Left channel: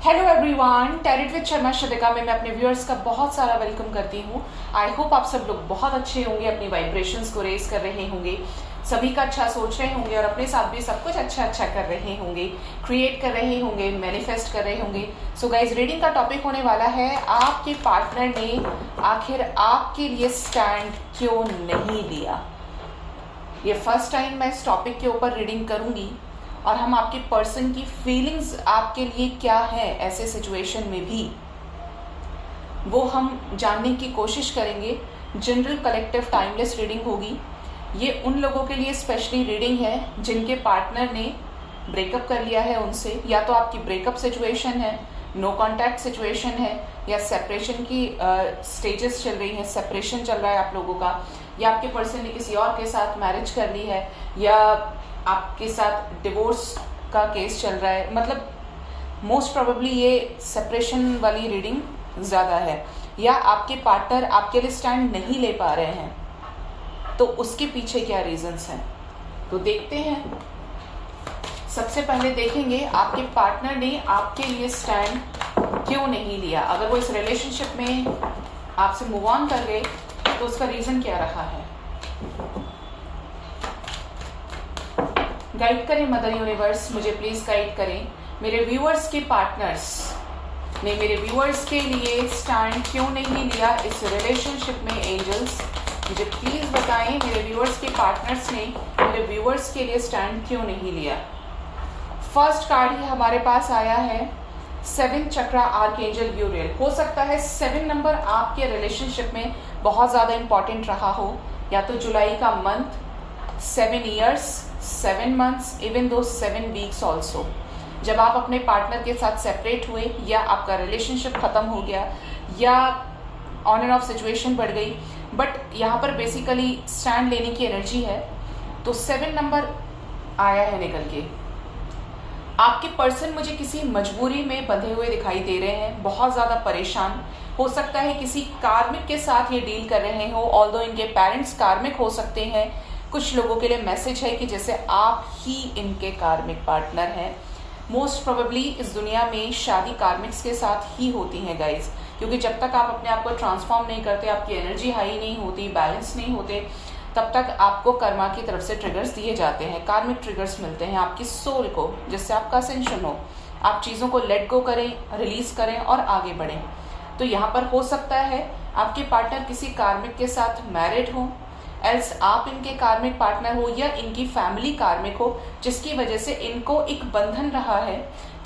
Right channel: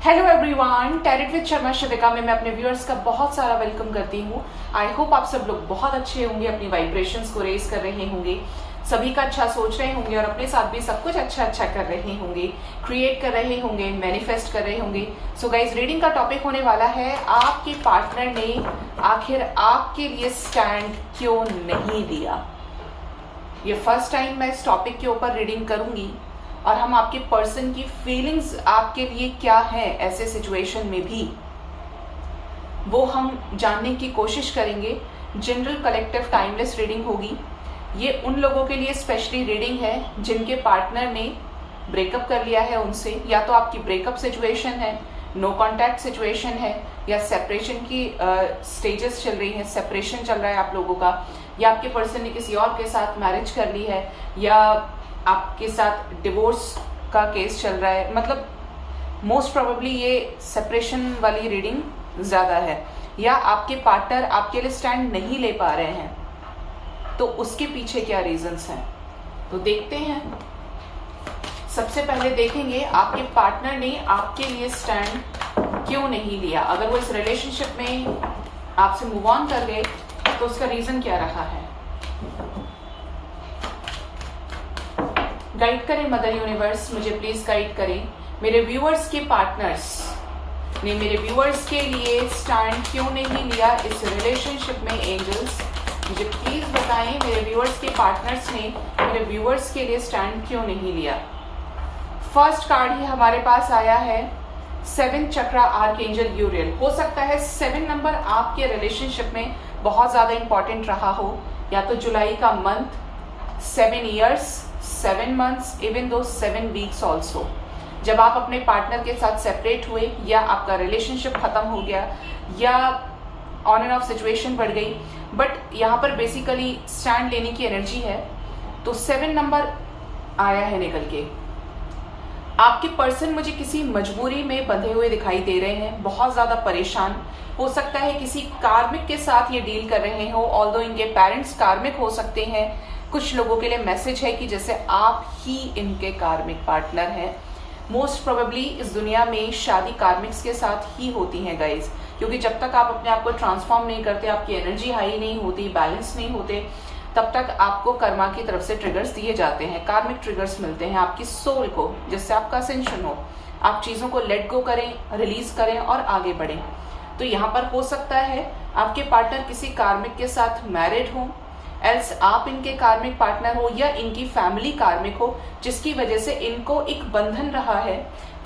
Hello everyone, tarot with Sharma Shivika में मैं अपने व्यूअर्स का बहुत सारा वेलकम करती हूँ। आई होप आप सब लोग बहुत अच्छे होंगे, अपनी वाइब्रेशंस को रेज कर रहे होंगे, सभी का अच्छा सोच रहे होंगे और अपने साथ भी सब कुछ अच्छा अच्छा कर रहे होंगे, क्रिएट कर रहे होंगे, मैनिफेस्ट कर रहे होंगे। सो गाइज, रीडिंग का टॉपिक होने वाला है आपके पार्टनर ने आखिर आपके लिए स्टैंड क्यों नहीं लिया। ये फर्स्ट टाइम मैं इस टॉपिक के ऊपर रीडिंग करूंगी और हम आपके पर्सन की फीलिंग्स आपके लिए क्या है ऐसे सिचुएशन में भी वो हम जानने की कोशिश करेंगे। जनरल कलेक्टिव टाइमलेस रीडिंग होगी। ये उन लोगों के लिए स्पेशली रीडिंग है जिनके पार्टनर ने ब्रेकअप कर लिया है उनसे, या तो आपकी ब्रेकअप सिचुएशन है, नो कॉन्टैक्ट सिचुएशन है, या सेपरेशन की स्टेजेस चल रही है, सेपरेशन चल रहा है आप लोगों का, या आपके पर्सन ने किसी और के साथ मैरिज कर ली है, या आपके साथ डिवोर्स का केस चल रहा है। मतलब मोस्ट प्रोबेबली ये सेपरेशन वाली रीडिंग ज्यादा है, या आपके पार्टनर आपके लिए स्टैंड नहीं ले पा रहे हैं, तो उसके पीछे क्या रीजंस हैं तो देखते हैं। सबसे पहले देखेंगे आपके पार्टनर ने आपके लिए स्टैंड क्यों नहीं लिया। अगर वो इस रिलेशनशिप में आपसे मूव ऑन कर गए तो उसका रीजन क्या रहा है। गाइड करें मदर यूनिवर्स, मुझे प्लीज गाइड करें। मेरे व्यूअर्स के पार्टनर्स ने मेरे व्यूअर्स के लिए स्टैंड क्यों नहीं लिया इस रिलेशनशिप में। एंजल्स मुझे प्लीज बताएं, मेरे व्यूअर्स के पार्टनर्स ने मेरे व्यूअर्स के लिए स्टैंड क्यों नहीं लिया। फर्स्ट कार्ड ही हमारे पास आया है 7 चक्रा आर्कएंजल यूरियल। हो सकता है 7 नंबर आपके रिलेशनशिप में बहुत ज्यादा इंपॉर्टेंट रहा हो, या तो जुलाई का month, 7 years, 7 months, even though 7 weeks also. जब आप अपने पार्टनर के साथ सेपरेट हुए, या आपका रिलेशनशिप खत्म हो गया, या ऑन एंड ऑफ सिचुएशन बढ़ गई, बट यहाँ पर बेसिकली स्टैंड लेने की एनर्जी है, तो 7 नंबर आया है निकल के। आपके पर्सन मुझे किसी मजबूरी में बंधे हुए दिखाई दे रहे हैं, बहुत ज्यादा परेशान। हो सकता है किसी कार्मिक के साथ ये डील कर रहे हो, ऑल्दो इनके पेरेंट्स कार्मिक हो सकते हैं। कुछ लोगों के लिए मैसेज है कि जैसे आप ही इनके कार्मिक पार्टनर हैं। मोस्ट प्रोबेबली इस दुनिया में शादी कार्मिक्स के साथ ही होती है गाइज, क्योंकि जब तक आप अपने आप को ट्रांसफॉर्म नहीं करते, आपकी एनर्जी हाई नहीं होती, बैलेंस नहीं होते, तब तक आपको कर्मा की तरफ से ट्रिगर्स दिए जाते हैं, कार्मिक ट्रिगर्स मिलते हैं आपकी सोल को, जिससे आपका असेंशन हो, आप चीजों को लेट गो करें, रिलीज करें और आगे बढ़ें। तो यहाँ पर हो सकता है आपके पार्टनर किसी कार्मिक के साथ मैरिड हो, एल्स आप इनके कार्मिक पार्टनर हो, या इनकी फैमिली कार्मिक हो, जिसकी वजह से इनको एक बंधन रहा है,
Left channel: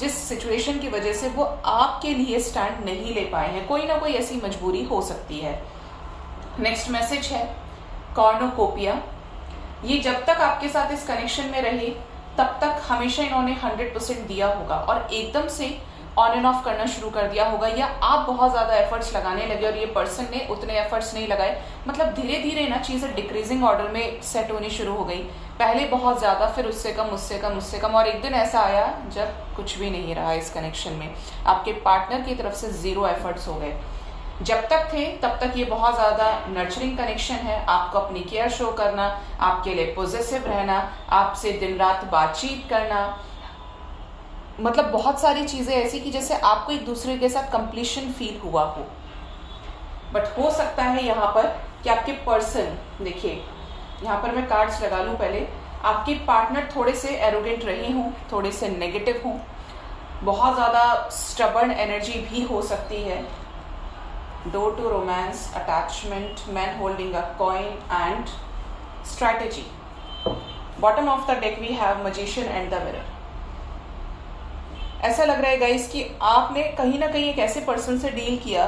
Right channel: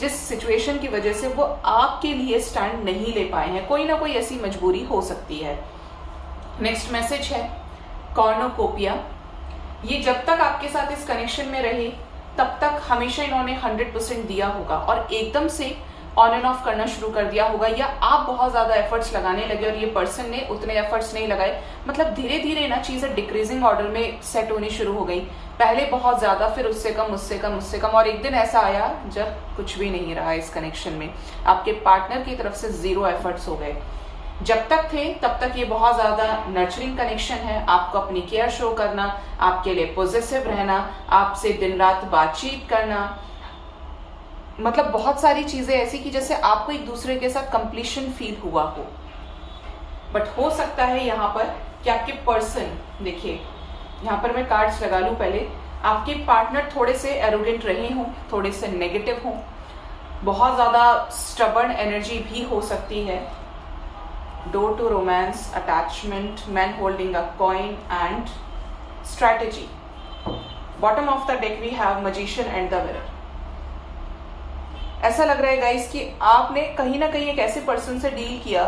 जिस सिचुएशन की वजह से वो आपके लिए स्टैंड नहीं ले पाए हैं। कोई ना कोई ऐसी मजबूरी हो सकती है। नेक्स्ट मैसेज है कॉर्नोकोपिया। ये जब तक आपके साथ इस कनेक्शन में रहे तब तक हमेशा इन्होंने 100% दिया होगा, और एकदम से ऑन एंड ऑफ करना शुरू कर दिया होगा, या आप बहुत ज्यादा एफर्ट्स लगाने लगे और ये पर्सन ने उतने एफर्ट्स नहीं लगाए। मतलब धीरे धीरे ना चीजें डिक्रीजिंग ऑर्डर में सेट होनी शुरू हो गई। पहले बहुत ज्यादा, फिर उससे कम, उससे कम, उससे कम, और एक दिन ऐसा आया जब कुछ भी नहीं रहा इस कनेक्शन में। आपके पार्टनर की तरफ से 0 एफर्ट्स हो गए। जब तक थे तब तक ये बहुत ज्यादा नर्चरिंग कनेक्शन है, आपको अपनी केयर शो करना, आपके लिए पॉजिटिव रहना, आपसे दिन रात बातचीत करना, मतलब बहुत सारी चीजें ऐसी कि जैसे आपको एक दूसरे के साथ कंप्लीशन फील हुआ हो। बट हो सकता है यहाँ पर कि आपके पर्सन, देखिए यहाँ पर मैं कार्ड्स लगा लूं पहले, आपके पार्टनर थोड़े से एरोगेंट रहे हों, थोड़े से नेगेटिव हों, बहुत ज्यादा स्टबर्न एनर्जी भी हो सकती है। Door to romance, attachment, man holding a coin and strategy. Bottom of the deck we have magician and the mirror. ऐसा लग रहा है गाइस कि आपने कहीं ना कहीं एक ऐसे पर्सन से डील किया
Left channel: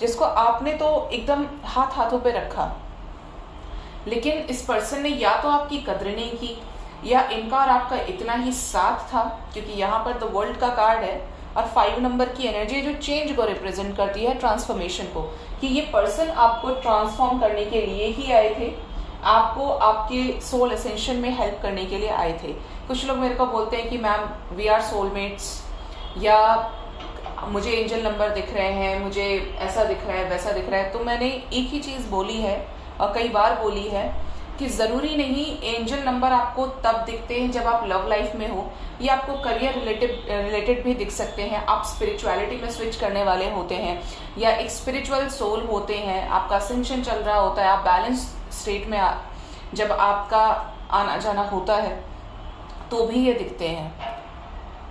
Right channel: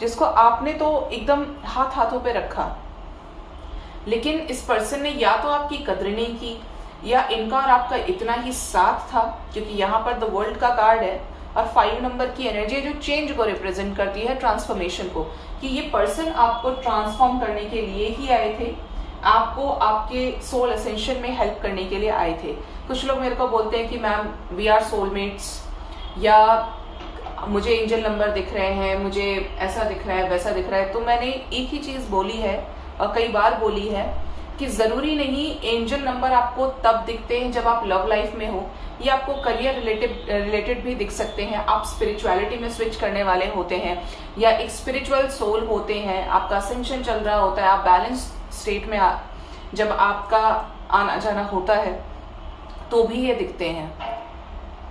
जिसको आपने तो एकदम हाथों पे रखा, लेकिन इस पर्सन ने या तो आपकी कद्र नहीं की, या इनका और आपका इतना ही साथ था, क्योंकि यहाँ पर द वर्ल्ड का कार्ड है और 5 नंबर की एनर्जी जो चेंज को रिप्रेजेंट करती है, ट्रांसफॉर्मेशन को, कि ये पर्सन आपको ट्रांसफॉर्म करने के लिए ही आए थे, आपको आपके सोल असेंशन में हेल्प करने के लिए आए थे। कुछ लोग मेरे को बोलते हैं कि मैम वी आर सोलमेट्स, या मुझे एंजल नंबर दिख रहे हैं, मुझे ऐसा दिख रहा है, वैसा दिख रहा है। तो मैंने एक ही चीज बोली है और कई बार बोली है कि जरूरी नहीं एंजल नंबर आपको तब दिखते हैं जब आप लव लाइफ में हो, ये आपको करियर रिलेटेड भी दिख सकते हैं। आप स्पिरिचुअलिटी में स्विच करने वाले होते हैं या एक स्पिरिचुअल सोल होते हैं, आपका असेंशन चल रहा होता है, आप बैलेंस स्टेट में जब आपका आना जाना होता है तो भी ये दिखते हैं।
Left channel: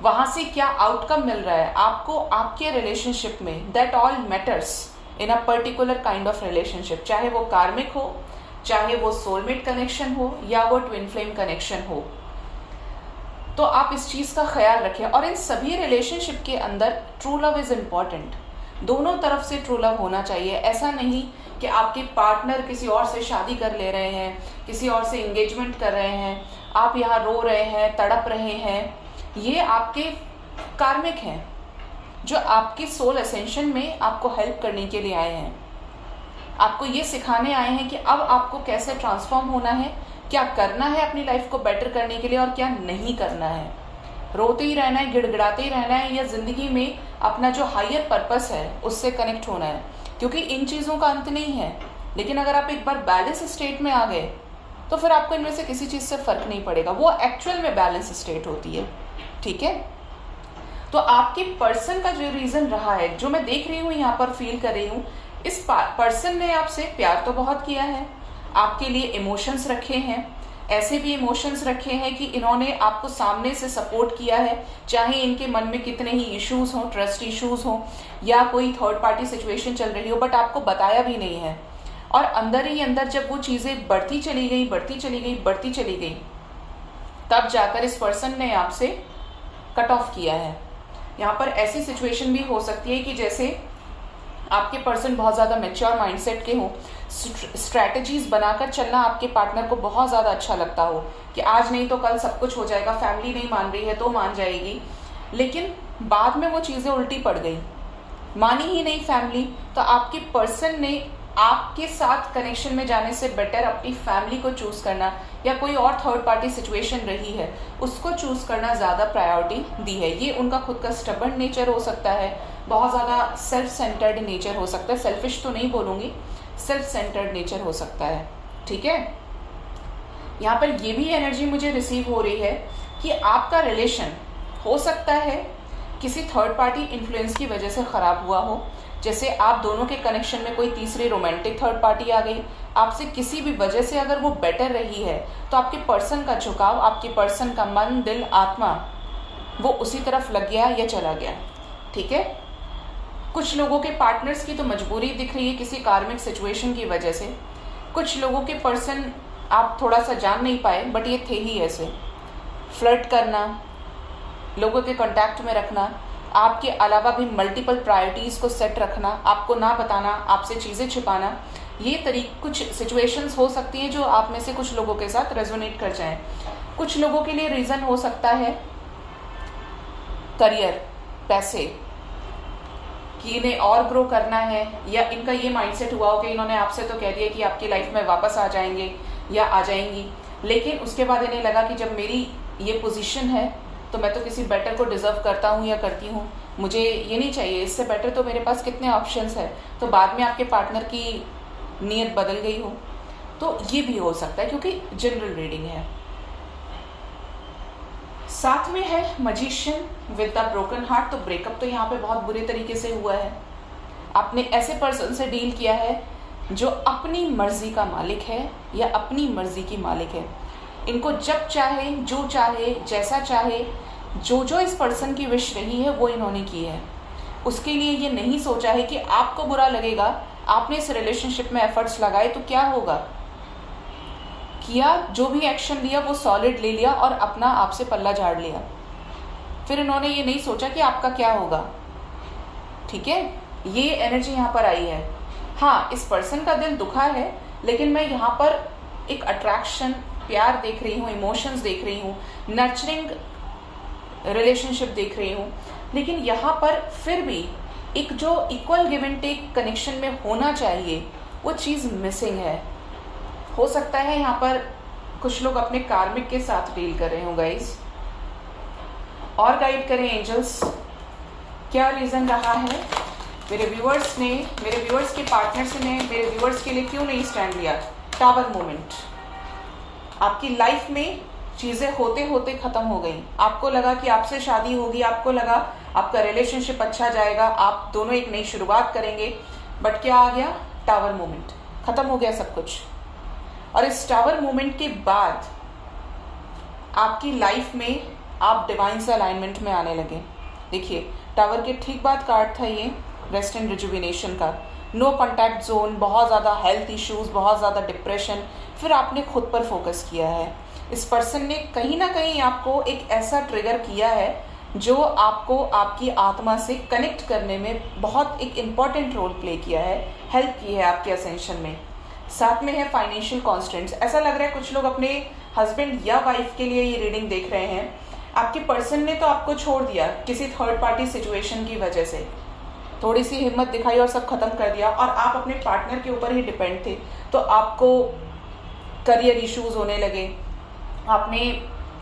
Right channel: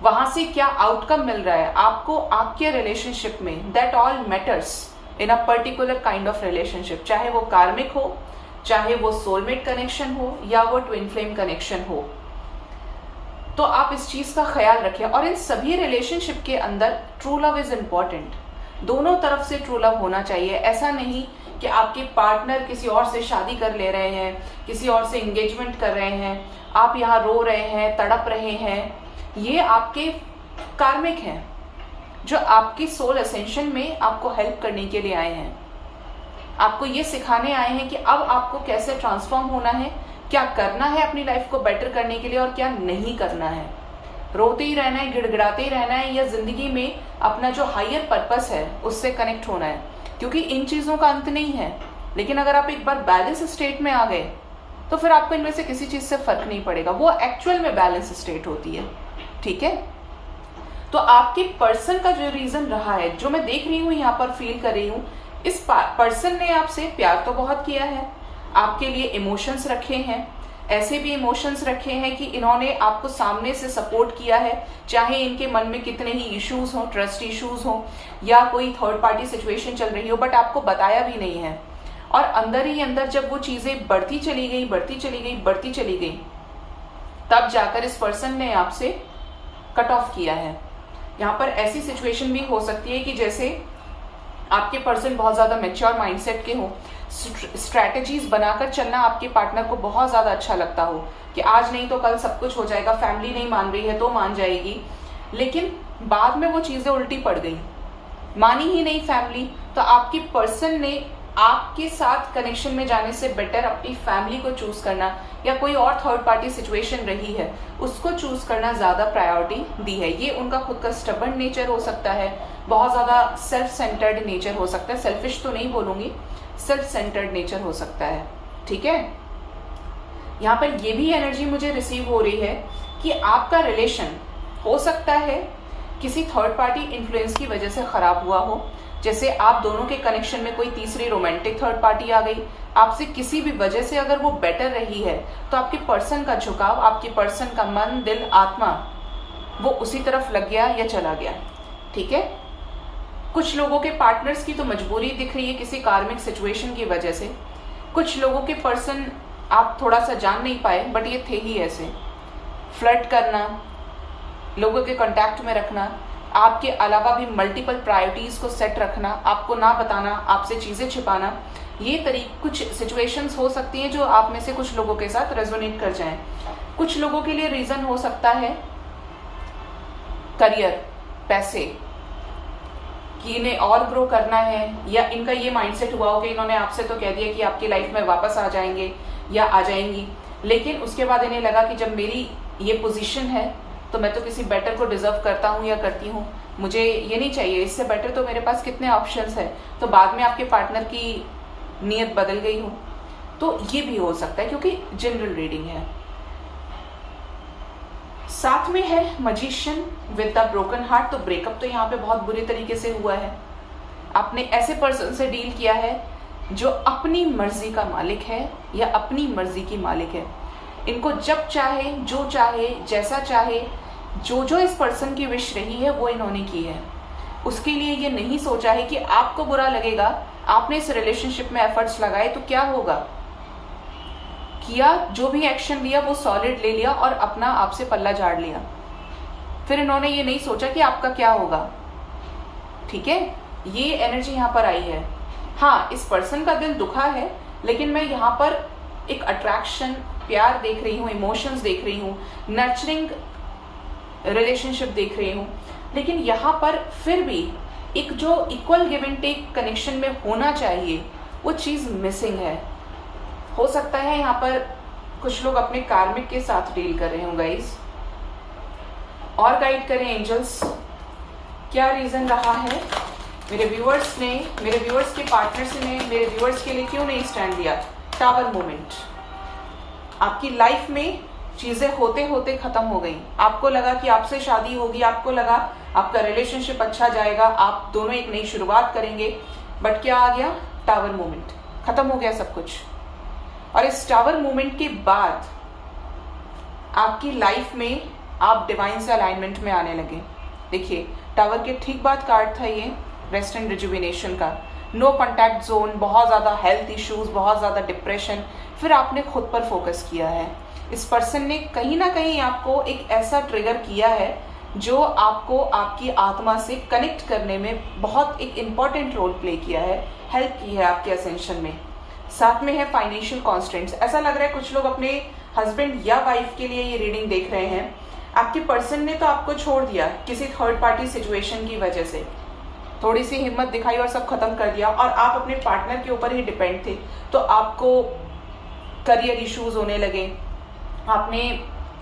वहां से क्या आउटकम मिल रहा है आपको आपके रिलेशनशिप में, that all matters in a particular kind of relationship, चाहे वो कार्मिक हो, चाहे वो सोलमेट कनेक्शन हो या वो ट्विन फ्लेम कनेक्शन हो। तो आप इस चीज का ख्याल रखें। और इन सभी रिलेशनशिप के अंदर ट्रू लव इज इम्पोर्टेंट, दोनों तरफ से ट्रू लव होना चाहिए। ऐसा नहीं कि आपके पार्टनर किसी और से शादी कर ले रहे हैं, किसी और से एंगेजमेंट कर रहे हैं, आप यहाँ रो रहे हैं, तड़प रहे हैं, ये आपके कार्मिक हैं जो आपकी सोल असेंशन में आपको हेल्प करने के लिए आए हैं, आपको ये सिखाने आए हैं कि अब आपको कैसे ट्रांसफॉर्म होना है, क्या करना है अपनी लाइफ को बेटर करने के लिए और क्या नहीं करना है। रोते ही रहना है, गिड़गिड़ाते ही रहना है, या जिंदगी में अपना जो हायर पर्पस है उससे कनेक्ट होना है, क्योंकि इन चीजों का अंत नहीं है। लेकिन अगर आप एक बार बैलेंस स्टेट में आ गए तो फिर आपको इनमें से किसी चीज से फर्क नहीं पड़ेगा, वो एक्चुअल में बैलेंस स्टेट होती है। ठीक है, तो आपके पर्सन का जो रीजन रहा है, जो मैं देख रही हूं यहाँ पर, फील कर रही हूं, इस पर्सन ने आपसे प्यार तो बहुत किया है, आपके लिए इमोशंस रखे हैं, ऐसे भी इमोशंस रखे हैं कि इन्होंने आपको सामने से सपोर्ट किया है, चाहे इनके मन में कितने ही इश्यूज हो, ट्रस्ट इश्यूज हो या कोई थर्ड पार्टी सिचुएशन चल रही हो, बट आपको बताया भी नहीं है। और अंदर ही अंदर जब वो चीजें बढ़ती चली गई, तब जाकर इस पर्सन ने आपसे कट ऑफ किया है। यहाँ पर ऐसी सिचुएशन भी हो सकती है कि जैसे आपके पर्सन बहुत ज्यादा मैच्योर माइंडसेट के हो, स्ट्रैटेजीज बनाकर चलना आपके पार्टनर को बहुत ज्यादा अच्छा लगता हो कि आज नहीं तो कल सब कुछ हो जाएगा, फैमिली नहीं मान रही है तो मान जाएगी, लेकिन बाद में वो चीजें उल्टी पड़ गई, मानी ही नहीं फैमिली, तो आपके पर्सन ने आपके साथ कनेक्शन में जाने से बेटर अपनी फैमिली को चूज करना या कोई और थर्ड पार्टी सिचुएशन रही है उसको चूज करना ज्यादा प्रायोरिटी दी है। ये उनका खुद का स्टबर्न नेचर हो सकता है, बहुत ज्यादा सेल्फ सेंटर्ड नेचर हो सकता है, सेल्फिश तो नहीं बोलूंगी, सेल्फ सेंटर्ड नेचर हो सकता है। ठीक है, यहाँ पर ये भी एनर्जी मुझे रिसीव हो रही है कि आपका रिलेशन हो सकता है किसी थर्ड पार्टी इन्फ्लुएंस की वजह से खराब हुआ हो, जैसे आप दोनों के कनेक्शन में कोई तीसरी रोमांटिक थर्ड पार्टी आ गई, आपसे किसी भी वजह से अगर वो बेटर रही है तो आपके पर्सन का झुकाव, आपके पर्सन का मन, दिल, आत्मा वो उसी तरफ लग गया या चला गया। ठीक है, कुछ लोगों के पार्टनर्स की तो मजबूरी दिख रही है किसी कार्मिक सिचुएशन की वजह से, कुछ लोगों के पर्सन आप थोड़ा सा जान नहीं पाए बट ये थे ही ऐसे। फ्लर्ट करना, लोगों के कांटेक्ट में रखना, आपके अलावा भी मल्टीपल प्रायोरिटीज को सेट रखना, आपको ना बताना, आपसे चीजें छिपाना, ये कुछ सिचुएशंस हो सकती हैं जो आप में से कुछ लोगों के साथ रेजोनेट कर जाएं। कुछ लोगों के लिए रीजन हो सकता है करियर, पैसे, कि इन्हें और ग्रो करना है, या इनका ये माइंडसेट हुआ हो कि इन्होंने आपसे तो कह दिया कि आपकी लाइफ में वापस आ जाएंगे या आ जाएंगी, लेकिन उसके बाद इन्हें लगा कि जब मेरी ये पोजीशन है तो मैं तो किसी बेटर को डिजर्व करता हूँ या करती हूँ, मुझे ये नहीं चाहिए, इससे बेटर तो मेरे पास कितने ऑप्शंस है। तो बाद में आपके पार्टनर की नीयत बदल गई हो, तो ये भी हो सकता है क्योंकि जनरल रीडिंग है। साथ में है magician with the broken heart, तो ब्रेकअप तो यहाँ पे बहुत बुरी तरीके से हुआ है। आपने ऐसे पर्सन से डील किया है जो अपनी मर्जी का मालिक है या अपनी मर्जी की मालिक है। इनको जब चाहे, जो चाहे, जैसा चाहे, जो इस पर्सन की विश रही है वो इन्होंने की है। उसके लिए ये नहीं सोचा है कि आपको बुरा लगेगा, आपने इस रिलेशनशिप में एफर्ट्स लगाए तो क्या होगा, किया, जो भी एक्शन लिया वो सॉलिड ले लिया और अपना आपसे पल्ला झाड़ लिया। फिर इन्होंने ये नहीं सोचा कि आपका क्या होगा। ठीक है, ये एनर्जी यहाँ पर आई है। हाँ, इस पर्सन का दिल दुखा है, लेकिन मैं यहाँ पर एक अट्रैक्शन, प्यार देख रही हूँ, इमोशंस देख रही हूँ, नर्चरिंग रिलेशनशिप देख रही हूँ, लेकिन यहाँ पर फिर भी एक जो equal give and take connection में होना चाहिए वो चीज मिसिंग है। हो सकता है यहाँ पर कुछ लोग अपने कार्मिक के साथ डील कर रहे हो गाइस, और गाइड करें एंजल्स, क्या रीजन रहा है मेरे व्यूअर्स ने, मेरे व्यूअर्स के पार्टनर्स ने मेरे व्यूअर्स के लिए क्यों नहीं स्टैंड लिया। टावर मोमेंट, आपकी लाइफ में चीजें होते होते खत्म हो गई। आपको लगा कि आपसे शादी होगी, आपको लगा आपका रिलेशनशिप अच्छा जाएगा, आप दोनों एक नई शुरुआत करेंगे, बट क्या आ गया? टावर मोमेंट, खत्म हो गया सब कुछ। और इस टावर मोमेंट के बाद आपकी लाइफ में आप डिवाइन से अलाइनमेंट में आने लगे। देखिए, टावर के ठीक बाद कार्ड था ये रेस्ट एंड रिजुविनेशन का। नो कॉन्टैक्ट जोन, बहुत ज्यादा हेल्थ इश्यूज, बहुत ज्यादा डिप्रेशन, फिर आपने खुद पर फोकस किया है। इस पर्सन ने कहीं ना कहीं आपको एक ऐसा ट्रिगर किया है जो आपको आपकी आत्मा से कनेक्ट करने में बहुत एक इम्पॉर्टेंट रोल प्ले किया है, हेल्प की है आपके असेंशन में। साथ में है फाइनेंशियल कॉन्स्टेंट्स। ऐसा लग रहा है कुछ लोग अपने हस्बैंड या वाइफ के लिए ये रीडिंग देख रहे हैं। आपके पर्सन ने तो आपको छोड़ दिया किसी थर्ड पार्टी सिचुएशन की वजह से, थोड़ी सी हिम्मत दिखाई और सब खत्म कर दिया, और आप अपने पार्टनर के ऊपर ही डिपेंड थे। तो आपको करियर इश्यूज होने लगे, आपने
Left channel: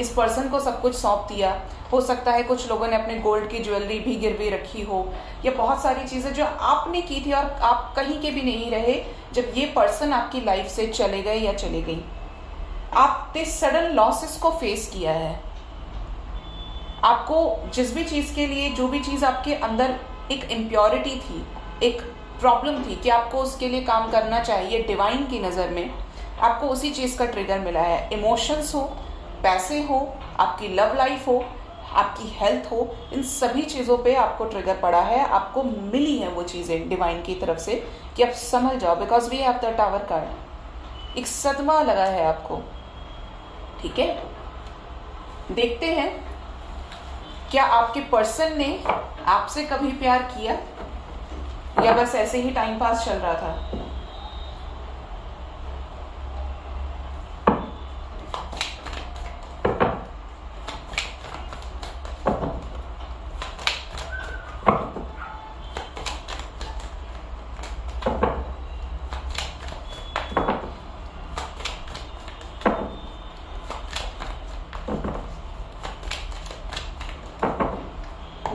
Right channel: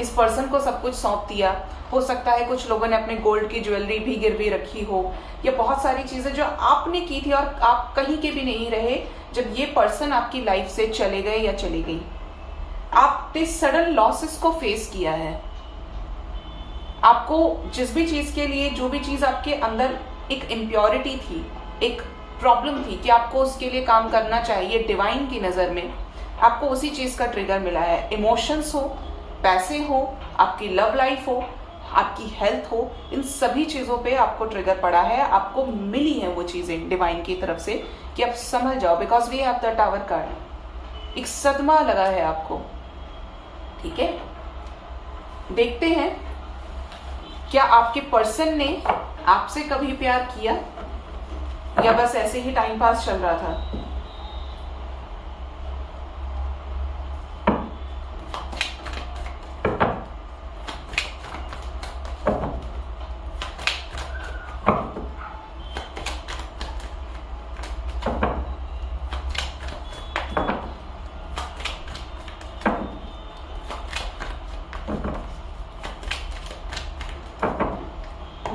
इस पर्सन को सब कुछ सौंप दिया। हो सकता है कुछ लोगों ने अपने गोल्ड की ज्वेलरी भी गिरवी रखी हो, या बहुत सारी चीजें जो आपने की थी और आप कहीं के भी नहीं रहे जब ये पर्सन आपकी लाइफ से चले गए या चली गई। आपने सडन लॉसेस को फेस किया है। आपको जिस भी चीज के लिए, जो भी चीज आपके अंदर एक इम्प्योरिटी थी, एक प्रॉब्लम थी कि आपको उसके लिए काम करना चाहिए, डिवाइन की नजर में आपको उसी चीज का ट्रिगर मिला है। इमोशंस हो, पैसे हो, आपकी लव लाइफ हो, आपकी हेल्थ हो, इन सभी चीजों पे आपको ट्रिगर पड़ा है, आपको मिली है वो चीजें डिवाइन की तरफ से कि आप समझ जाओ, because we have the tower card. एक सदमा लगा है आपको, ठीक है। देखते हैं क्या आपके पर्सन ने आपसे कभी प्यार किया या बस ऐसे ही टाइम पास चल रहा था।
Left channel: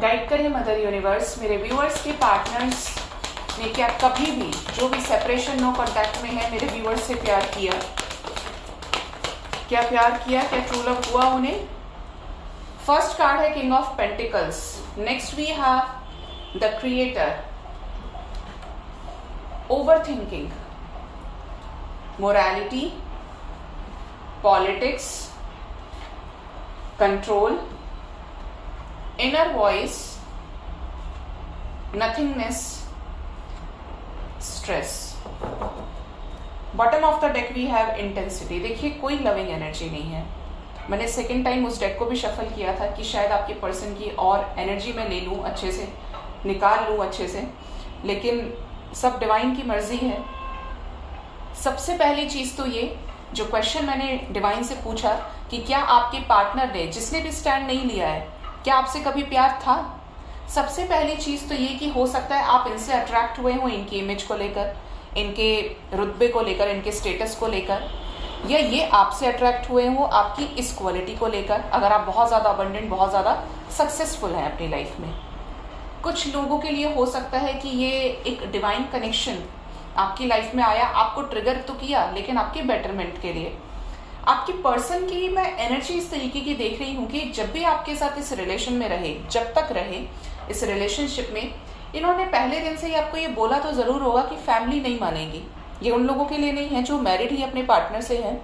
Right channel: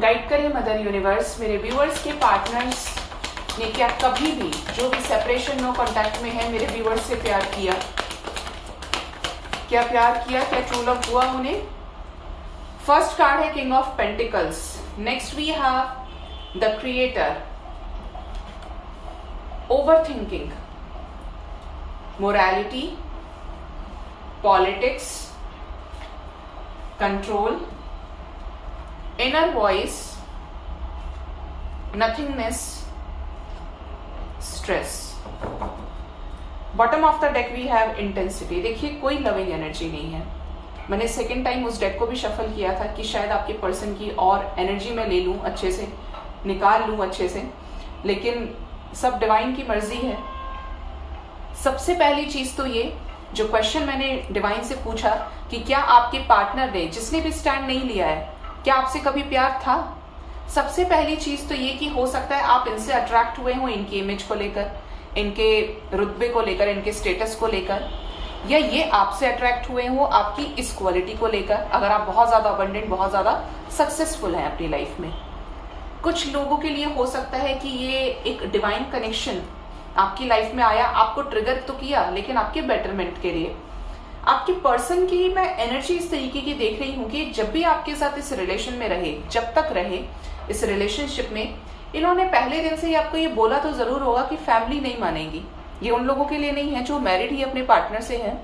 गाइड करें मदर यूनिवर्स, मेरे व्यूअर्स के पार्टनर्स ने क्या कभी भी, जो भी सेपरेशन नो कांटेक्ट में है, मेरे व्यूअर्स से प्यार किया? क्या प्यार किया? क्या ट्रू लव हुआ उन्हें? फर्स्ट कार्ड है king of pentacles. Next we have the creator, over thinking, morality, politics, control, inner voice, nothingness, stress. Bottom of the deck we have intensity. देखिए, कोई लविंग एनर्जी नहीं है। मैंने सेकेंड टाइम उस deck को भी shuffle किया था कि शायद आपके पर्सन की और एनर्जी में ले लूं, अच्छे से निकाल लूं अच्छे से, लेकिन सब डिवाइन की मर्जी है। सबसे पहली चीज तो ये, जो क्वेश्चन मैंने डिवाइन से पूछा कि क्या आपके पार्टनर ने, जिसने भी स्टैंड नहीं लिया है, क्या आपसे कभी प्यार था? सबसे पहली चीज तो ये कि हो सकता है आप इनसे अट्रैक्ट हुए हो इनकी इमेज को लेकर, इनके रुतबे को लेकर, इनके स्टेटस को लेकर, या ये आपसे अट्रैक्ट हुए हो आपकी इस क्वालिटी को लेकर। अगर आप बहुत ज्यादा अबंडेंट, बहुत ज्यादा सक्सेसफुल हैं अपनी लाइफ में। कुछ लोगों के लिए हो सकता है कि ये एक डिवाइन कनेक्शन आपकी लाइफ में आया, आपको ट्रिगर तो किया, लेकिन आपके बेटरमेंट के लिए। आपके पर्सन की मैं एनर्जी इस तरीके की देख रही हूं कि जब भी आपके साथ इस रिलेशन में रहे, जब तक रहे इस रिलेशनशिप में, इन्होंने पहले दिन से ही आपको ये बोला तो जरूर होगा कि फैमिली नहीं मानेगी। ये उन लोगों के लिए नहीं है जो मैरिड ही अपने पार्टनर से हैं,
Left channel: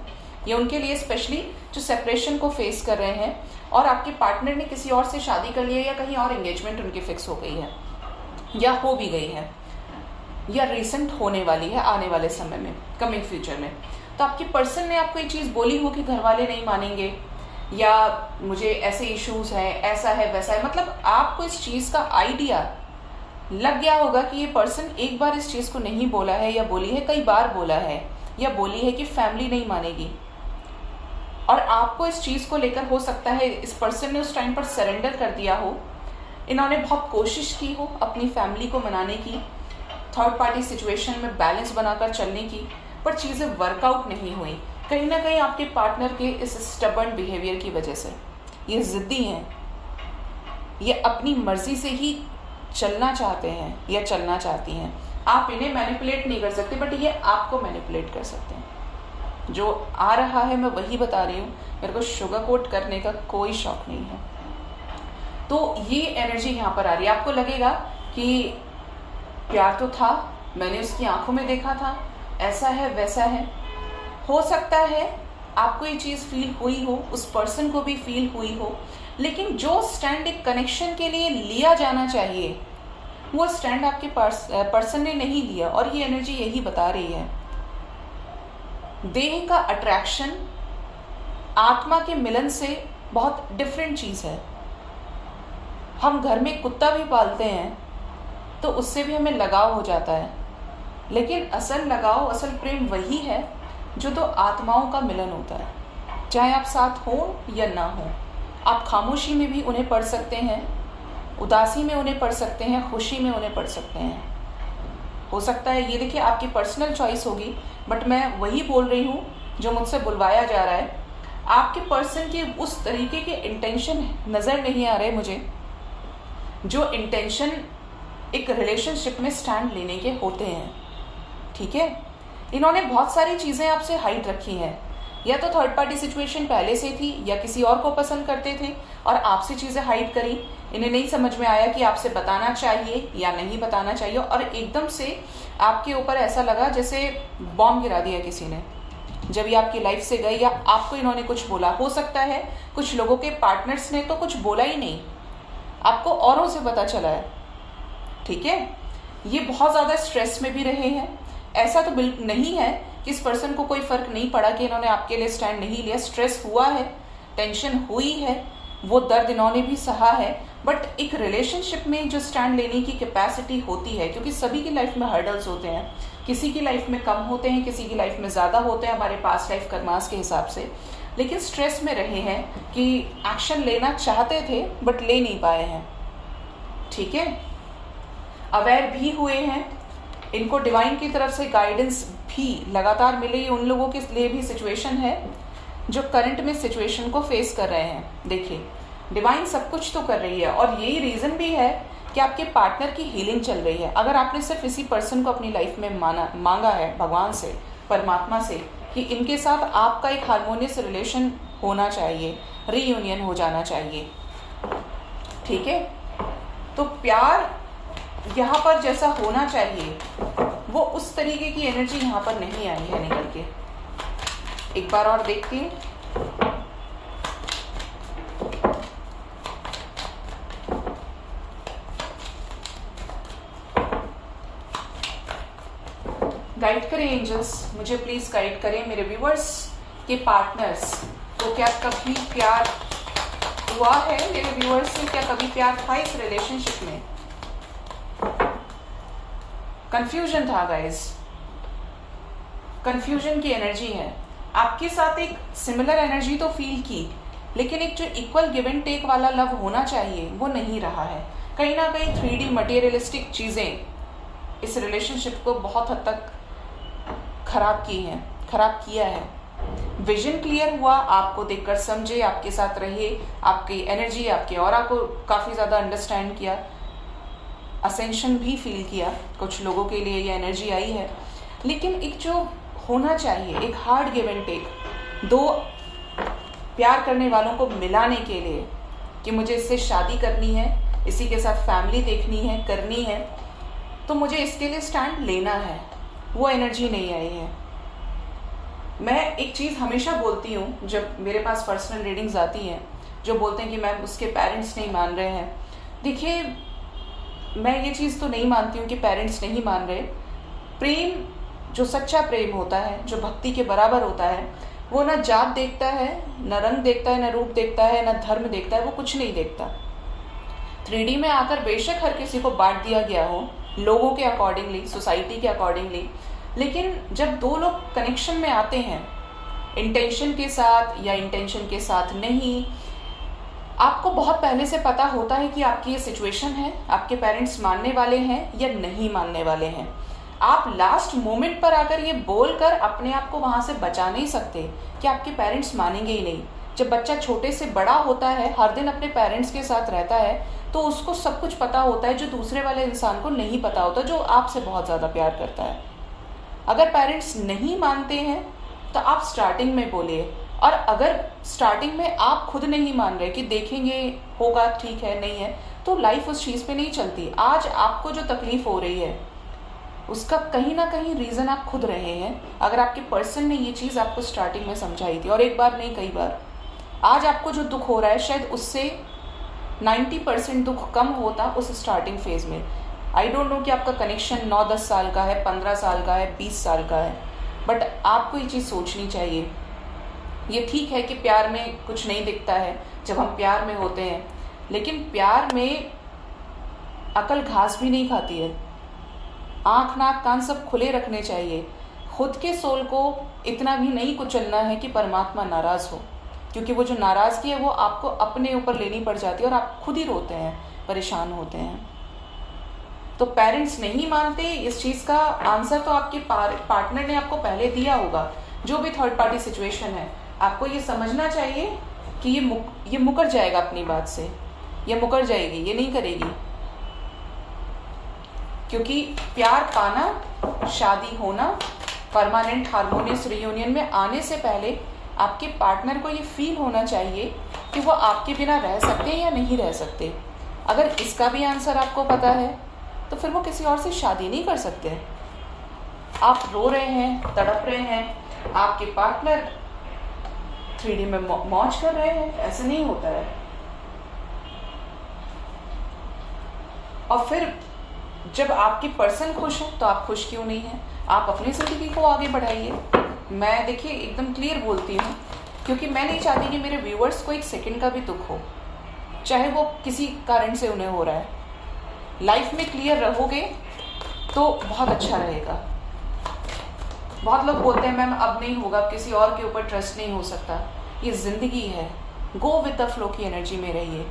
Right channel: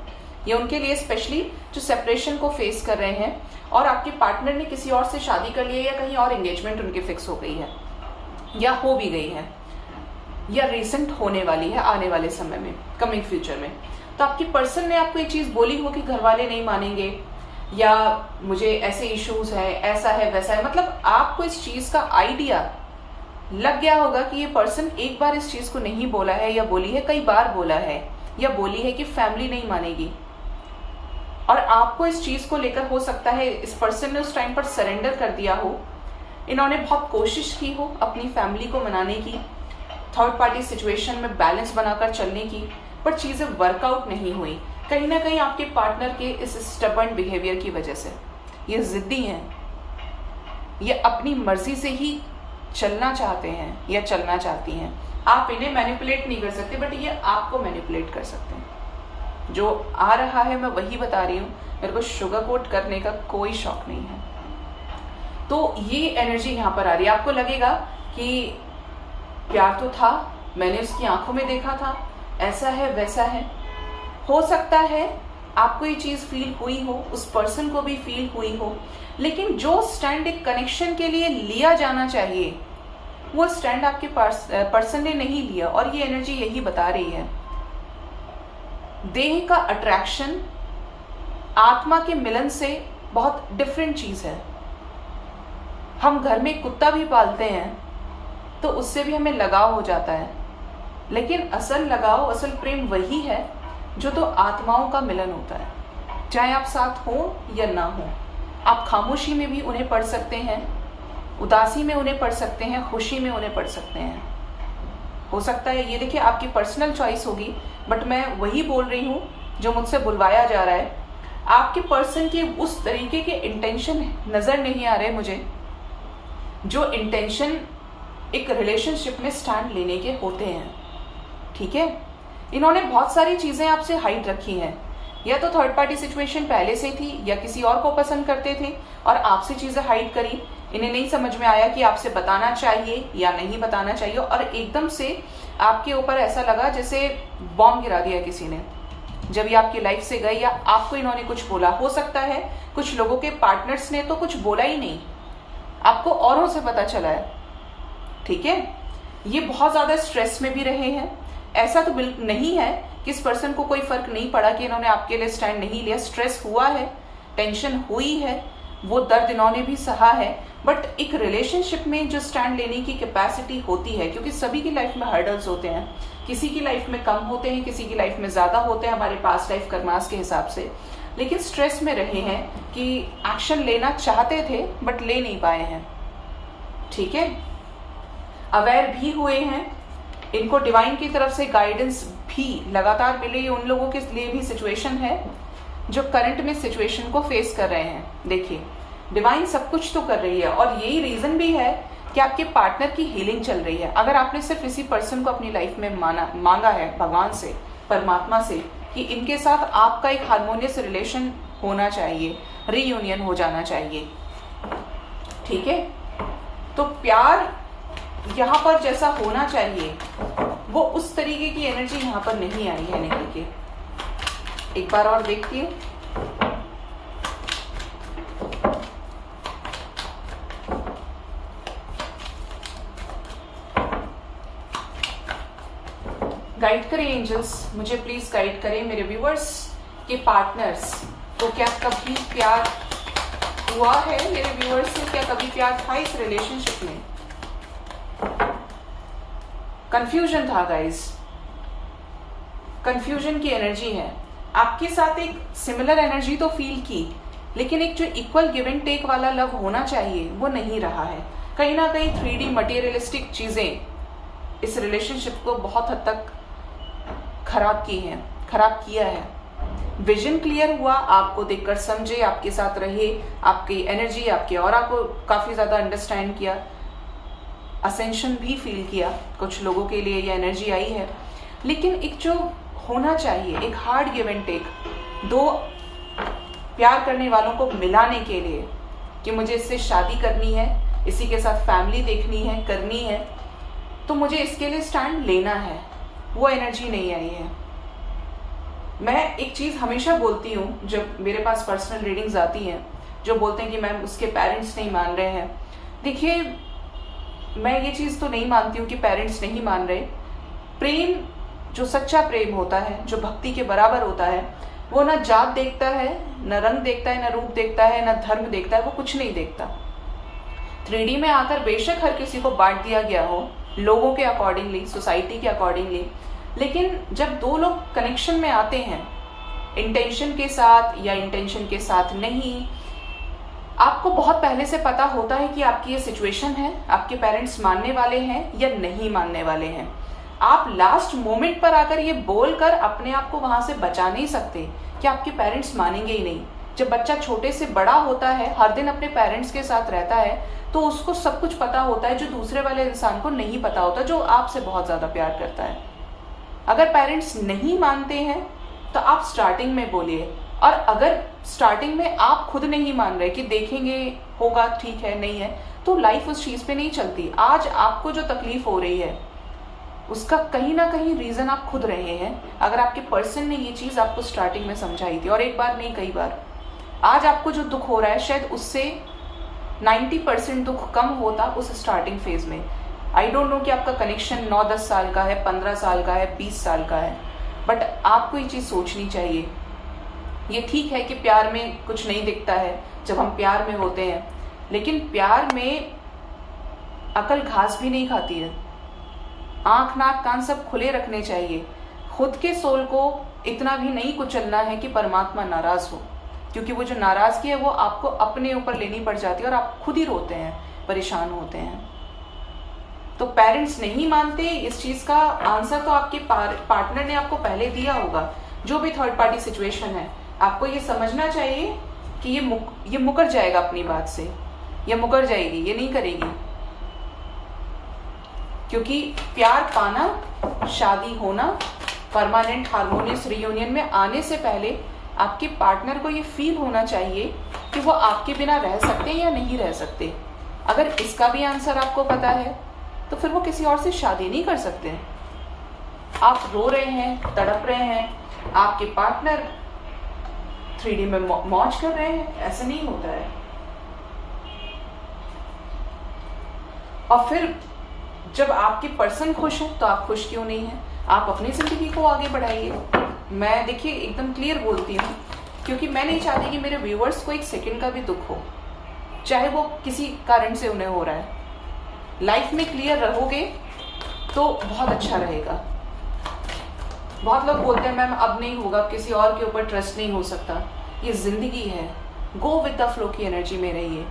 ये उनके लिए स्पेशली जो सेपरेशन को फेस कर रहे हैं और आपके पार्टनर ने किसी और से शादी कर लिया, या कहीं और एंगेजमेंट उनकी फिक्स हो गई है, या हो भी गई है, या रिसेंट होने वाली है आने वाले समय में, कमिंग फ्यूचर में। तो आपकी पर्सन ने आपको ये चीज बोली हो कि घर वाले नहीं मानेंगे, या मुझे ऐसे इश्यूज हैं, ऐसा है वैसा है, मतलब आपको इस चीज का आइडिया लग गया होगा कि ये पर्सन एक बार इस चीज को नहीं बोला है, या बोली है, कई बार बोला है, या बोली है कि फैमिली नहीं मानेगी। और आपको इस चीज को लेकर हो सकता है इस पर्सन ने उस टाइम पर सरेंडर कर दिया हो। इन्होंने बहुत कोशिश की हो अपनी फैमिली को मनाने की, थर्ड पार्टी सिचुएशन में बैलेंस बनाकर चलने की, पर चीजें वर्कआउट नहीं हुई। कहीं ना कहीं आपके पार्टनर के इस स्टबर्न बिहेवियर की वजह से ये जिद्दी हैं, ये अपनी मर्जी से ही चलना चाहते हैं या चलना चाहती हैं। आप इन्हें मैनिपुलेट नहीं कर सकते, बट ये आपको मैनिपुलेट कर सकते हैं। जो आ रहा है मैं वही बता रही हूँ, मेरे को शुगर कोट करने का कोई शौक नहीं है। तो ये एनर्जी यहाँ पर आ रही है। आपको लगेगा कि प्यार तो था, मैंने उसकी आंखों में देखा था, ऐसा है वैसा है। हो सकता है आपको ये चीज फील हुई हो, उस पर्सन को भी फील हुई हो, लेकिन जो स्टैंड एक कनेक्शन के लिए लिया जाना चाहिए वो स्टैंड आपके पर्सन ने नहीं लिया। और ये एनर्जी यही बता रही है, देह का अट्रैक्शन आत्मा के मिलन से बहुत डिफरेंट चीज है। हम घर में कुत्ता भी पालते हैं तो उससे भी हमें लगाव हो जाता है, लेकिन असल लगाव, असल प्रेम वही है जो दो आत्माओं का मिलन होता है। चाहे आप साथ हो या ना हो, आप खामोशी में भी उन्हें पढ़ सकते हैं, उदासी में उन्हें पढ़ सकते हैं, खुशी में उन्हें पढ़ सकते हैं। हो सकता है ये देखिए आपकी पर्सनल चॉइस होगी, बट मैं वही बोल रही हूँ जो मुझसे बुलवाया जा रहा है। आपके पर्सन के उस तरीके के इंटेंशन नजर नहीं आ रहे मुझे, जो इंटेंशन एक रिलेशनशिप में स्टैंड लेने के होते हैं। ठीक है, इन्होंने बहुत सारी चीजें आपसे हाइड रखी हैं, या तो थर्ड पार्टी सिचुएशन पहले से थी, या किसी और को पसंद करते थे और आपसे चीजें हाइड करी। इन्हें नहीं समझ में आया कि आपसे बताना चाहिए या नहीं बताना चाहिए, और एकदम से आपके ऊपर ऐसा लगा जैसे बॉम्ब गिरा दिया किसी ने जब ये आपकी लाइफ से गए, या आपको इन्होंने कुछ बोला। हो सकता है कुछ लोगों के पार्टनर्स ने तो कुछ बोला ही नहीं, आपको औरों से पता चला है। ठीक है, ये बहुत ज्यादा स्ट्रेस में भी रहे हैं। ऐसा तो बिल्कुल नहीं है कि इस पर्सन को कोई फर्क नहीं पड़ा कि इन्होंने आपके लिए स्टैंड नहीं लिया। स्ट्रेस हुआ है, टेंशन हुई है, वो दर्द इन्होंने भी सहा है, बट एक रिलेशनशिप में जो स्टैंड लेने की कैपेसिटी होती है, क्योंकि सभी की लाइफ में हर्डल्स होते हैं, किसी की लाइफ में कम होते हैं, किसी की लाइफ में ज्यादा होते हैं हमारे पास्ट लाइफ कर्मास के हिसाब से, लेकिन स्ट्रेस में रहे हैं कि एक्शन लेना चाहते थे बट ले नहीं पाए हैं। ठीक है, अवेयर भी हुए हैं, इनको डिवाइन की तरफ से गाइडेंस भी लगातार मिले। ये उन लोगों के लिए भी सिचुएशन है जो करंट में सिचुएशन को फेस कर रहे हैं। देखिए, डिवाइन सब कुछ तो कर रही है, और यही रीजन भी है कि आपके पार्टनर की हीलिंग चल रही है। अगर आपने सिर्फ इसी पर्सन को अपनी लाइफ में मांगा है भगवान से, परमात्मा से, कि इनके साथ आपका एक हार्मोनियस रिलेशन होना चाहिए, रीयूनियन हो जाना चाहिए। ठीक है, तो प्यार यहाँ पर जैसा होना चाहिए वो उस तरीके की एनर्जी यहाँ पर नहीं आई है निकल के। एक बार और देखिए, गाइड करें एंजल्स, मुझे प्लीज गाइड करें। मेरे व्यूअर्स के पार्टनर्स को क्या कभी प्यार हुआ है? मेरे व्यूअर्स से क्या कभी प्यार था इस रिलेशनशिप में? कंफ्यूजन था गाइस, कंफ्यूजन की एनर्जी है। आपके साथ एक सिमिलर एनर्जी तो फील की, लेकिन एक जो इक्वल गिव एंड टेक वाला लव होना चाहिए वो नहीं रहा है। कहीं ना कहीं 3D मटेरियलिस्टिक चीजें इस रिलेशनशिप को बहुत हद तक खराब किया है। विजन क्लियर हुआ, आपको देखकर समझे, आपके साथ रहे, आपकी एनर्जी, आपके ऑरा को काफी ज्यादा अंडरस्टैंड किया, असेंशन भी फील किया। कुछ लोगों के लिए ये एनर्जी आई है, लेकिन एक जो होना चाहिए, एक हार्ड गिव एंड टेक, दो प्यार करने वालों को मिलाने के लिए कि मुझे इससे शादी करनी है, इसी के साथ फैमिली देखनी है, करनी है, तो मुझे इसके लिए स्टैंड लेना है, वो एनर्जी नहीं आई है। मैं एक चीज हमेशा बोलती हूँ जब मेरे पास पर्सनल रीडिंग्स आती हैं, जो बोलते हैं कि मैम उसके पेरेंट्स नहीं मान रहे हैं। देखिए, मैं ये चीज तो नहीं मानती हूँ कि पेरेंट्स नहीं मान रहे। प्रेम, जो सच्चा प्रेम होता है, जो भक्ति के बराबर होता है, वो ना जात देखता है, न रंग देखता है, न रूप देखता है, न धर्म देखता है, वो कुछ नहीं देखता। 3D में आकर बेशक हर किसी को बांट दिया गया हो लोगों के अकॉर्डिंगली, सोसाइटी के अकॉर्डिंगली, लेकिन जब दो लोग कनेक्शन में आते हैं इंटेंशन के साथ या इंटेंशन के साथ नहीं, आपको बहुत पहले से पता होता है कि आपकी ये सिचुएशन है, आपके पेरेंट्स मानने वाले हैं या नहीं मानने वाले हैं। आप लास्ट मोमेंट पर आकर ये बोलकर अपने आप को वहां से बचा नहीं सकते कि आपके पेरेंट्स मानेंगे ही नहीं। जब बच्चा छोटे से बड़ा होता है, हर दिन अपने पेरेंट्स के साथ रहता है, तो उसको सब कुछ पता होता है जो दूसरे वाले इंसान को नहीं पता होता, जो आपसे बहुत ज्यादा प्यार करता है। अगर पेरेंट्स नहीं मानते हैं तो आप स्टार्टिंग में बोलिए। और अगर स्टार्टिंग में आप खुद नहीं मान रहे कि देखेंगे होगा ठीक है नहीं है, तो लाइफ उस चीज पे नहीं चलती। आज आपको जो तकलीफ हो रही है उसका कहीं ना कहीं रीजन आप खुद रहे हैं। अगर आपके पर्सन ने ये चीज आपको स्टार्टिंग में समझाई थी, और एक बार नहीं कई बार, आज आपको जो दुख हो रहा है शायद उससे 90% दुख कम होता उस स्टार्टिंग फेज में। आई डोंट नो कि आपका कनेक्शन 9-10 साल का है, 15 साल का है, 20 साल का है, बट आपको ये चीज सोचनी चाहिए। ये ठीक है कि प्यार में कुछ नहीं दिखता है जब हम प्यार में होते हैं, लेकिन प्यार में अकल घास भी नहीं खाती है। आंख नाक कान सब खुले रखने चाहिए। खुद के सोल को इतना भी नहीं कुचलना है कि परमात्मा नाराज हो, क्योंकि वो जो नाराजगी है वो आपको अपने ऊपर लेनी पड़ जाती है और आप खुद ही रोते हैं, परेशान होते हैं। तो पेरेंट्स नहीं मानते, इस चीज का आंसर तो आपके पार्टनर ने आपको पहले दिया होगा। जो भी थर्ड पार्टी सिचुएशन है, आपको ये समझना चाहिए कि ये मुकर जाएगा अपनी बात से, ये मुकर जाएगी, ये नहीं करेगी। क्योंकि प्यार पाना, शादी होना, परमानेंट हार्मोनियस रियूनियन में आने से पहले आपके पार्टनर को ये फील होना चाहिए कि वो आपके बिना रह सकते हैं या नहीं रह सकते। अगर इसका भी आंसर आपको पता है तो फिर वो किसी और से शादी नहीं कर सकते। आप रो रहे हैं, तड़प रहे हैं, आपके पार्टनर 3D में मौज कर रहे हैं, ऐसा नहीं होता है। और फिर जब आपकी पर्सन खुश है तो आप खुश क्यों नहीं है? आप अपनी जिंदगी को आगे बढ़ाइए। मैं देखिए एकदम क्लियर बोलती हूँ, क्योंकि मैं नहीं चाहती कि मेरे व्यूअर्स को एक सेकंड का भी दुख हो, चाहे वो किसी कारण से उन्हें हो रहा है। लाइफ में क्लियर रहोगे तो बहुत अच्छा रहेगा। बहुत लोग बोलते हैं मैम अब नहीं होगा, अब किसी और के ऊपर ट्रस्ट नहीं हो सकता। ये जिंदगी है, गो विद द फ्लो की एनर्जी में रहिए।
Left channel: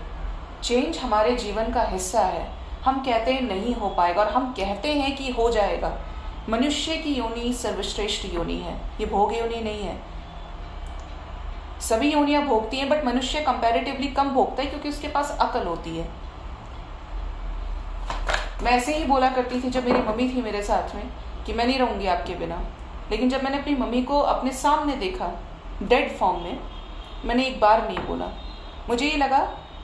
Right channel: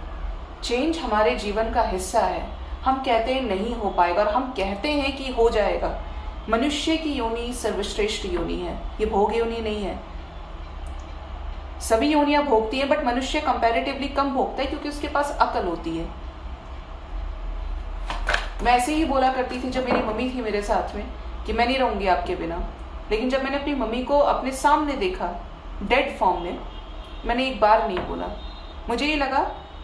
चेंज हमारे जीवन का हिस्सा है। हम कहते हैं नहीं हो पाएगा और हम कहते हैं कि हो जाएगा। मनुष्य की योनि सर्वश्रेष्ठ योनि है, ये भोग योनि नहीं है। सभी योनियां भोगती हैं, बट मनुष्य कंपैरेटिवली कम भोगता है क्योंकि उसके पास अकल होती है। मैं ऐसे ही बोला करती थी जब मेरी मम्मी थी मेरे साथ में कि मैं नहीं रहूंगी आपके बिना, लेकिन जब मैंने अपनी मम्मी को अपने सामने देखा डेड फॉर्म में, मैंने एक बार नहीं बोला। मुझे ये लगा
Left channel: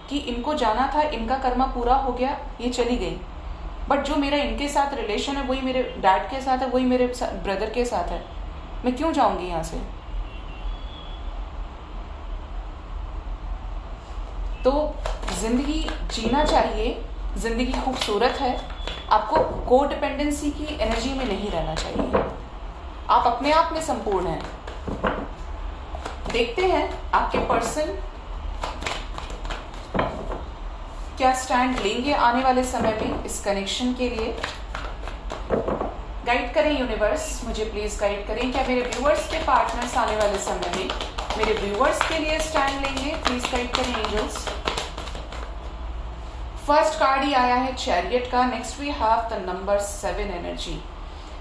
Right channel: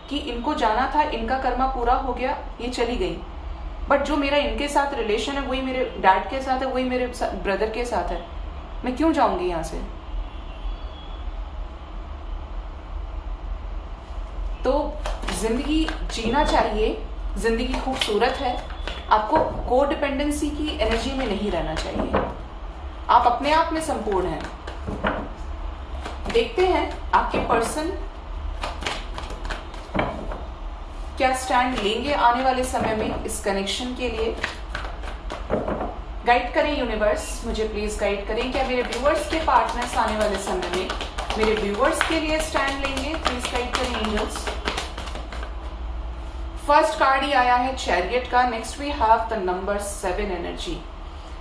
कि इनको जाना था, इनका कर्मा पूरा हो गया, ये चली गई। बट जो मेरा इनके साथ रिलेशन है वही मेरे डैड के साथ है, वही मेरे ब्रदर के साथ है। मैं क्यों जाऊंगी यहाँ से? तो जिंदगी जीना चाहिए, जिंदगी खूबसूरत है। आपको को डिपेंडेंसी की एनर्जी में नहीं रहना चाहिए। आप अपने आप में संपूर्ण हैं। देखते हैं आपके पर्सन क्या स्टैंड लेंगे आने वाले समय में इस कनेक्शन के लिए। गाइड करें यूनिवर्स, मुझे प्लीज गाइड करें। क्या मेरे व्यूअर्स के पार्टनर्स आने वाले समय में मेरे व्यूअर्स के लिए स्टैंड लेंगे? प्लीज गाइड करें एंजल्स। फर्स्ट कार्ड ही आया है चैरियट का। Next we have the number 7 energy.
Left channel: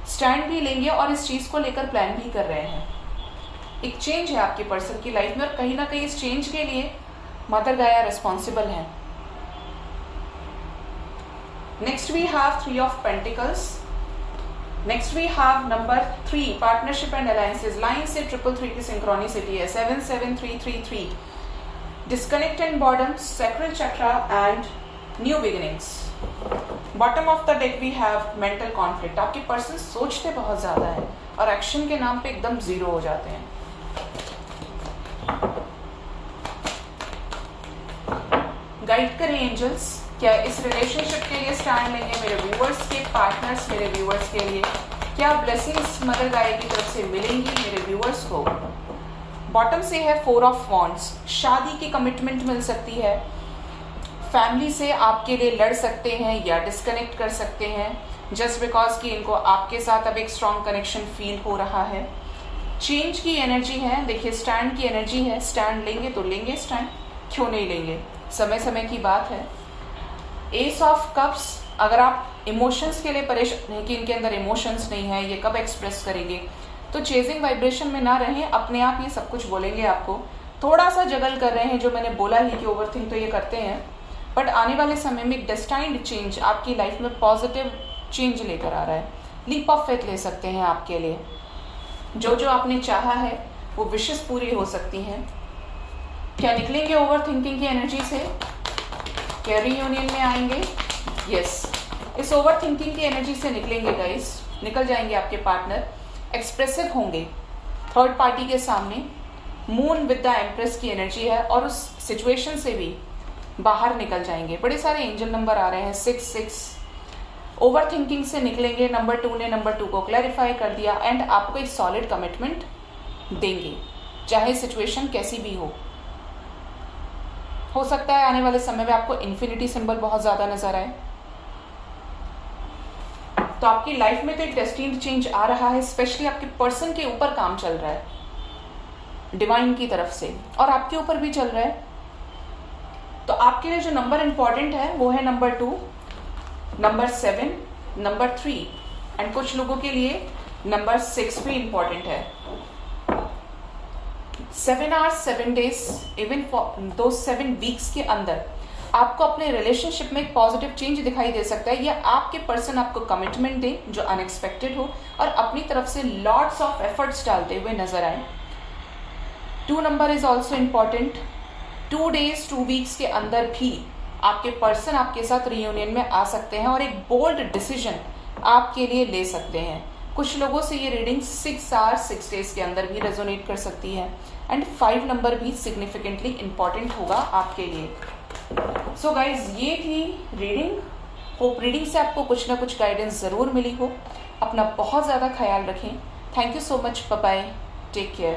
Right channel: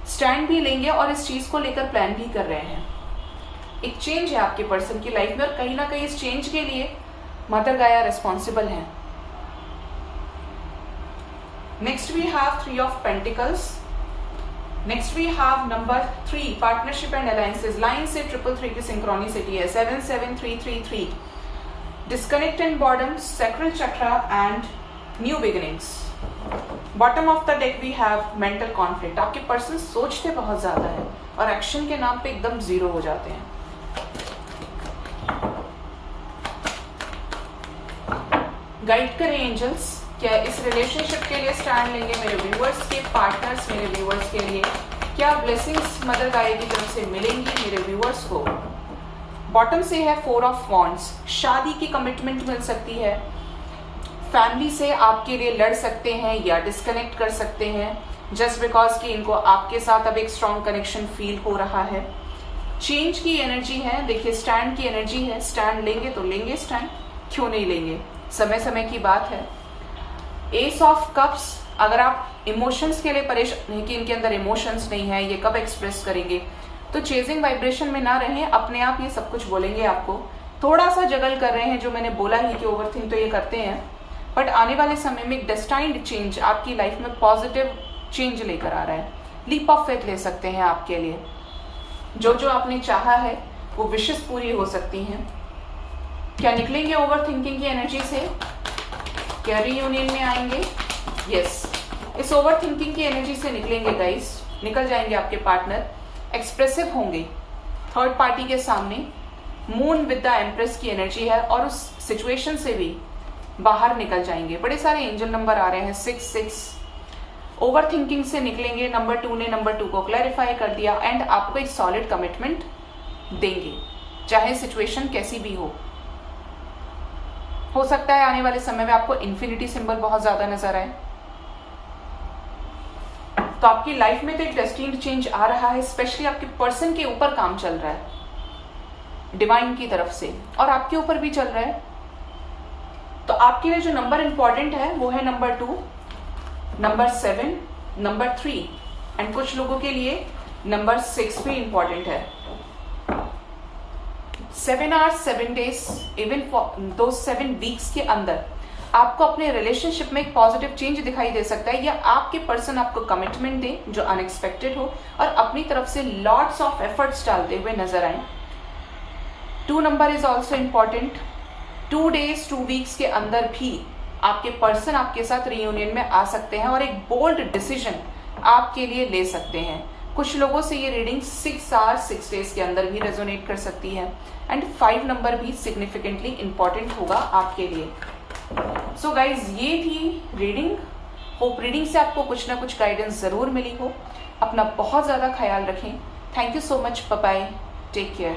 Stand भी लेंगे और इस चीज को लेकर प्लान भी कर रहे हैं। एक चेंज है आपके पर्सन की लाइफ में और कहीं ना कहीं इस चेंज के लिए मदर गाया रिस्पॉन्सिबल है। Next we have 3 of pentacles. Next we have number 3 partnership and alliances. Line से 333 की सिंक्रोनिसिटी है। 77333 disconnect and boredom, sacral chakra and new beginnings. Bottom of the deck we have mental conflict. आपके person सोचते बहुत ज्यादा है और एक्शन के नाम पे एकदम जीरो हो जाते हैं। गाइड करें एंजल्स, क्या इस रिलेशनशिप के लिए स्टैंड लेंगे मेरे व्यूअर्स के पार्टनर्स? मेरे व्यूअर्स के लिए क्या ब्लेसिंग्स मदर गाय की तरफ से मिलेंगी मेरे व्यूअर्स को? बॉटम से है 4 ऑफ वॉन्ड्स। शादी की कमिटमेंट मिल सकती है। फैमिली से आपके लिए लड़ सकते हैं या डिस्कनेक्ट कर सकते हैं जस्ट बिकॉज कि इनको आपके साथ अब एक स्ट्रॉन्ग कनेक्शन फील हो रहा है। चेंज की एनर्जी है। देखिए स्टैंड की एनर्जी है। स्टैंड लेंगे तो लेंगे स्टैंड, क्यों नहीं लेंगे? समय समय की बात है। S of cups. अगर आप इमोशंस के लिए परेशान हैं कि इनके अंदर इमोशंस नहीं है, ये कब एक्सप्रेस करेंगे, तो चेजिंग वाइब्रेशन में ना रहें। अपने आप ये सब कुछ बोलेंगे आपको। थोड़ा सा जगल कर रहे हैं, जो मैंने बोला ही कि ओवरथिंक तो ये करते हैं, बट आने वाले समय में डेस्टाइन्ड चेंज आपकी लाइफ में पॉजिटिव चेंज लेकर आ रहा है। लीप ऑफ फेथ ले सकते हैं आपके लिए। जो जो आपने चाहा है वो विशेष पूरी हो सकती हैं। क्या निकलेंगे ओवर थिंकिंग की एनर्जी से? क्या रीयूनियन में आएंगे? यस, इस ओवर थिंकिंग की एनर्जी से निकलेंगे गाइस, निकल जाएंगे आपके पार्टनर, एक्सप्रेसिव होंगे थर्ड पार्टी के सामने। मून विद द एम्प्रेस की एनर्जी है और उस सिचुएशन से भी बाहर निकल जाएंगे। बड़े सारे एंजल नंबर आ रहे हैं, 6 ओवर थिंकिंग से निकलेंगे। नंबर 2 ने नंबर 2 को क्लैरिफाई कर दिया एंड आपको एक सॉलिड कमिटमेंट देंगे, चाहे सिचुएशन कैसी भी हो सकता है आने वाले समय में आपको इन्फिनिटी सिंबल बहुत ज्यादा नजर आए। तो आपकी लाइफ में तो एक डेस्टिनी चेंज आ रहा है, स्पेशली आपके पर्सन के ऊपर काम चल रहा है डिवाइन की तरफ से, और आपके ऊपर भी चल रहा है। तो आपके लिए जो नंबर इंपॉर्टेंट है वो है नंबर 2, नंबर 7, नंबर 3 एंड कुछ लोगों के लिए नंबर 6 भी इंपॉर्टेंट है। 7 hours 7 days even though 7 weeks के अंदर आपको अपने रिलेशनशिप में एक पॉजिटिव चेंज दिखाई दे सकता है, या आपके पर्सन आपको कमिटमेंट दे जो अनएक्सपेक्टेड हो और अपनी तरफ से लॉट्स ऑफ एफर्ट्स डालते हुए नजर आए। 2 number is also important. 2 days 2 weeks के अंदर भी आपके पर्सन आपके साथ रियूनियन में आ सकते हैं और एक बोल्ड डिसीजन आपके लिए ले सकते हैं। कुछ लोगों से ये रीडिंग 6 आवर्स 6 डेज के अंदर भी रेजोनेट कर सकती है एंड 5 नंबर भी सिग्निफिकेंटली इंपॉर्टेंट होगा आपके लिए। सो गाइज, ये थी रीडिंग। होप रीडिंग से आपको कुछ ना कुछ गाइडेंस जरूर मिली हो। अपना बहुत ज्यादा ख्याल रखें। Thank you so much, bye bye, take care.